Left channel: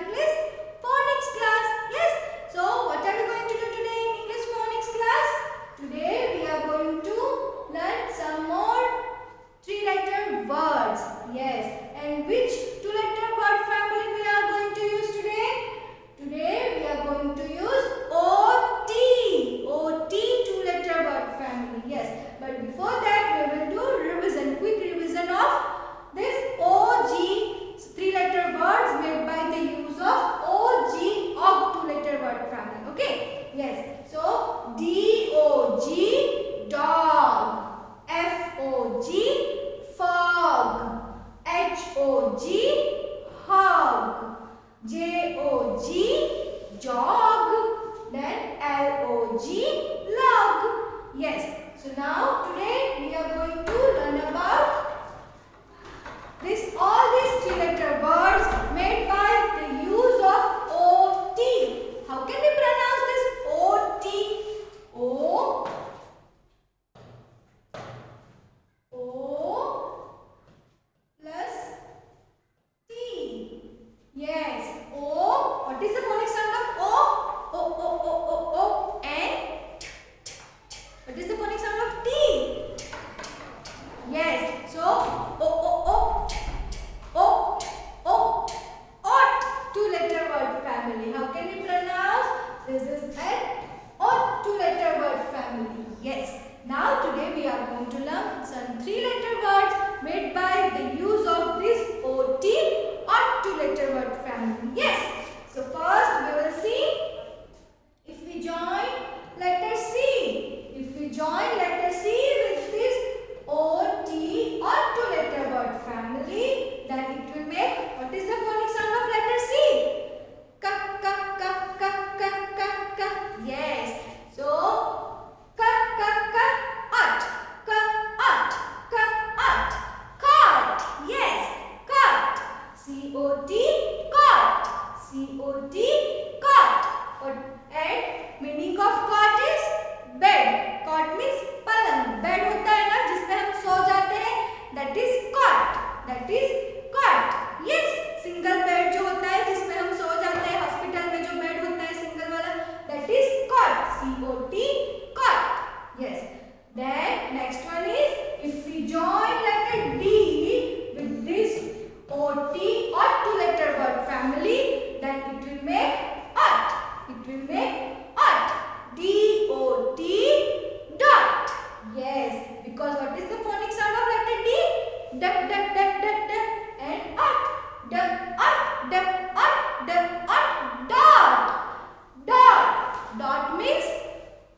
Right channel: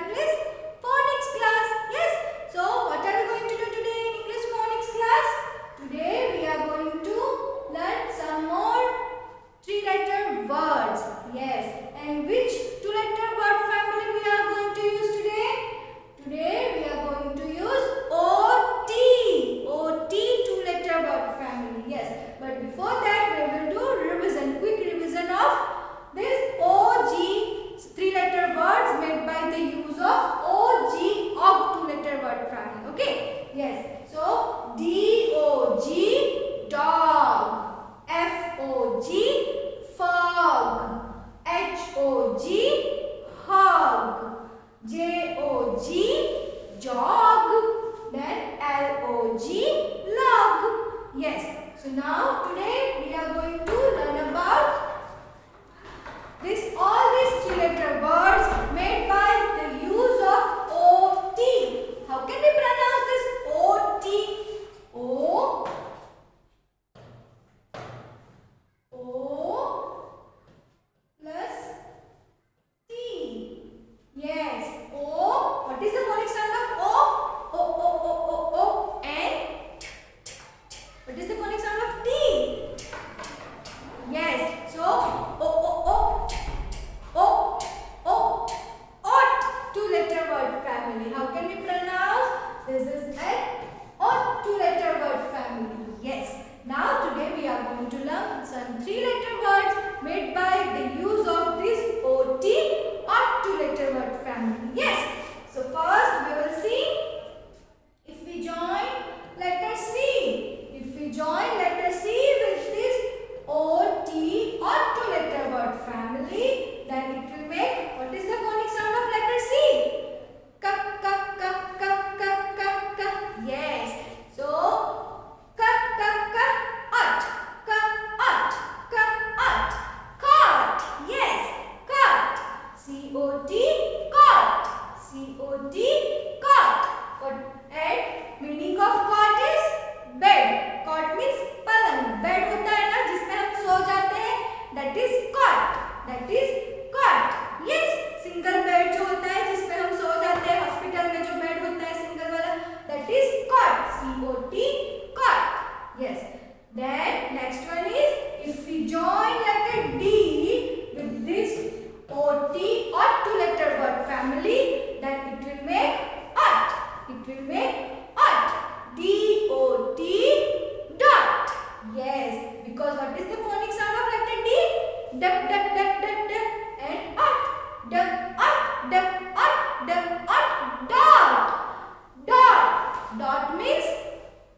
English phonics class. Yes. So what are we going to do today in English phonics class? Today we are going to learn some more three-letter words. Yes. And which two-letter word family we are going to use today? Today we are going to use OT. OT two-letter word family. Yes. But before that we will do revision. Quick revision of this OG three-letter words made by the use of OG two-letter word family. Okay. Yes. So DOG dog, FOG fog, HOG hog, JOG jog, then LOG log. Yes. So now today we are going to learn about all these three-letter words made by the use of OT. How can we pronounce this OT? O plus T. Yes. O. What is the phonic sound of O? O, O, O, O, O. And T, T, T. What is the phonic sound of T? T, T, T. Yes. So O, O, O. Two-letter word family. How can we pronounce? This is an OT two-letter word family. Yes. Now today we are going to learn some three-letter words made by the use of this OT two-letter word family. Yes. So first we will see if we join letter C. If we join letter C with this OT two-letter word family, then it will make, what is the phonic sound of letter C? Ka, ka, ka, ka, ka, ka, ka. Yes. So, ka, ka, ka, ut, ka, ut, ka, ut, cut. Yes, cut. C-O-T, cut. C-O-T, cut. And meaning of cot is bed. Cot means पलंग. Bed होता है ना जिसमें हम सो जाते हैं. That is cot. That is cot. Yes, single bed जो होता है जिसमें हम सो जाते हैं, हॉस्पिटल में जो बेड होता है सिंगल वाला, that is cot. C-O-T, cot. Yes. Then next one is if we join letter D with this OT or two-letter word family, then it will make ut. It will make ut. D-O-T dot. Yes, because what is the phonic sound of letter D? Duck, duck, duck, duck, duck, and ut. Duck, ut, duck, ut, duck, ut, dot. Dot. Dot means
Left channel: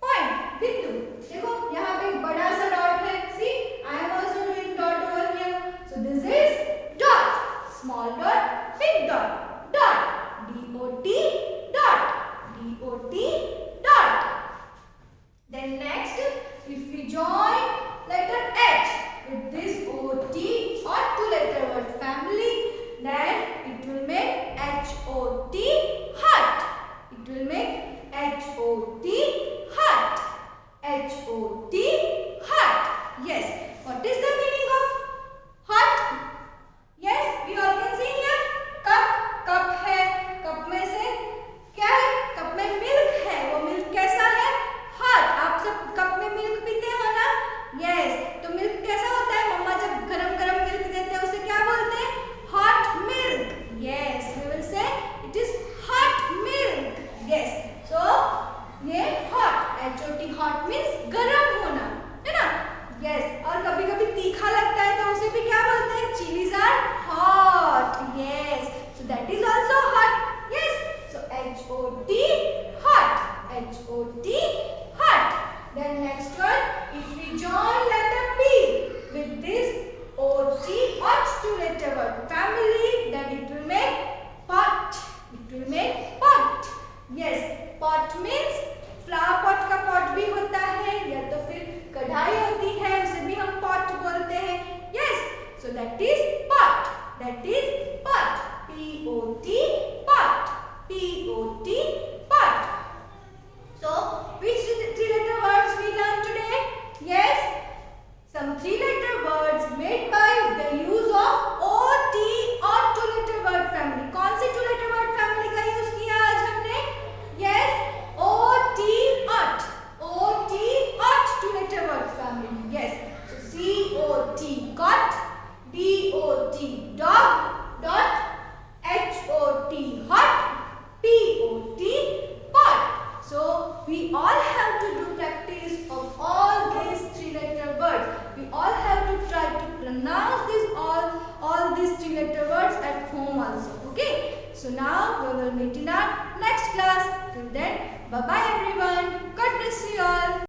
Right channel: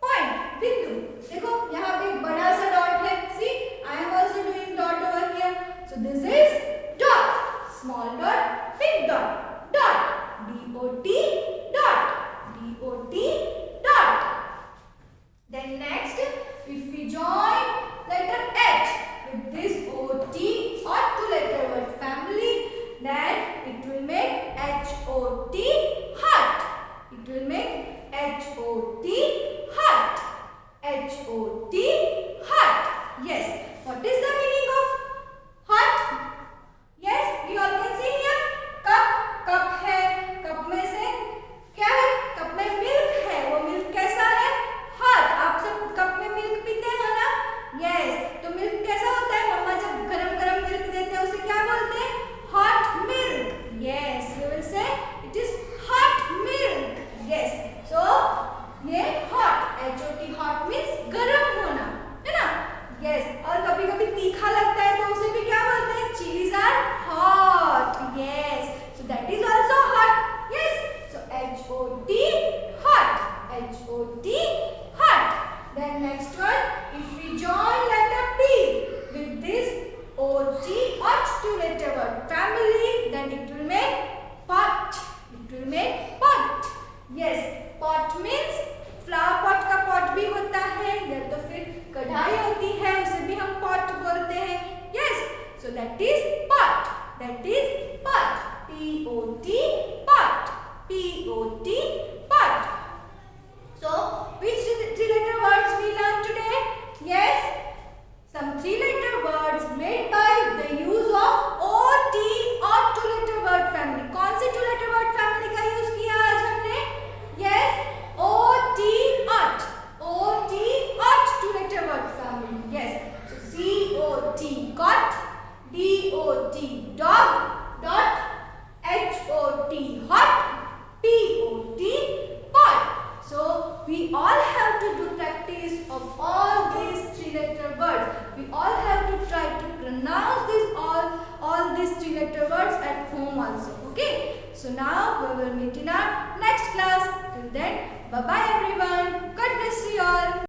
point, बिंदु. देखो यहाँ पे एक बड़ा सा dot है. See, I am also doing dot over here. So this is dot. Small dot, big dot. Dot. D-O-T dot. D-O-T dot. Then next, if we join letter H with this OT or two-letter word family, then it will make H-O-T hut. It will make H-O-T hut. H-O-T hut. Yes. What is the meaning of hut? Yes, we all can see here. Cup. Cup है. Cup में से क्या है? Cup में milk है. वो milk कैसा है? हट. आप सब कप में मिल्क पीते हो ना? यस. तो मिल्क कैसा होता है? मम्मा जब गरम-गरम मिल्क देते हैं उसे क्या बोलते हैं? Hot milk. Yes, we will say it is hot milk. Yes. So ये हॉट, HOT हॉट मींस गरम होना, है ना? यस. और कभी-कभी तीखा लगता है तो उसे भी क्या बोलते हैं? Chillies are hot. Yes. So that is also hot. Yes. So HOT hot. HOT hot. Then next one, if we join letter P with this OT or two-letter word family, then it will make pot. It will make pot. Yes, pot means flower pot का pot भी होता है या तो फिर कढ़ाई होती है उसे भी हम pot बोलते हैं. Yes, so that is pot. That is pot. P-O-T pot. P-O-T pot. So, which three-letter words we learned today? Yes, some three-letter words made by the use of OT or two-letter word family. कौन से two-letter word family So now we will meet in our next class. Till then, bye bye everyone. God bless you all.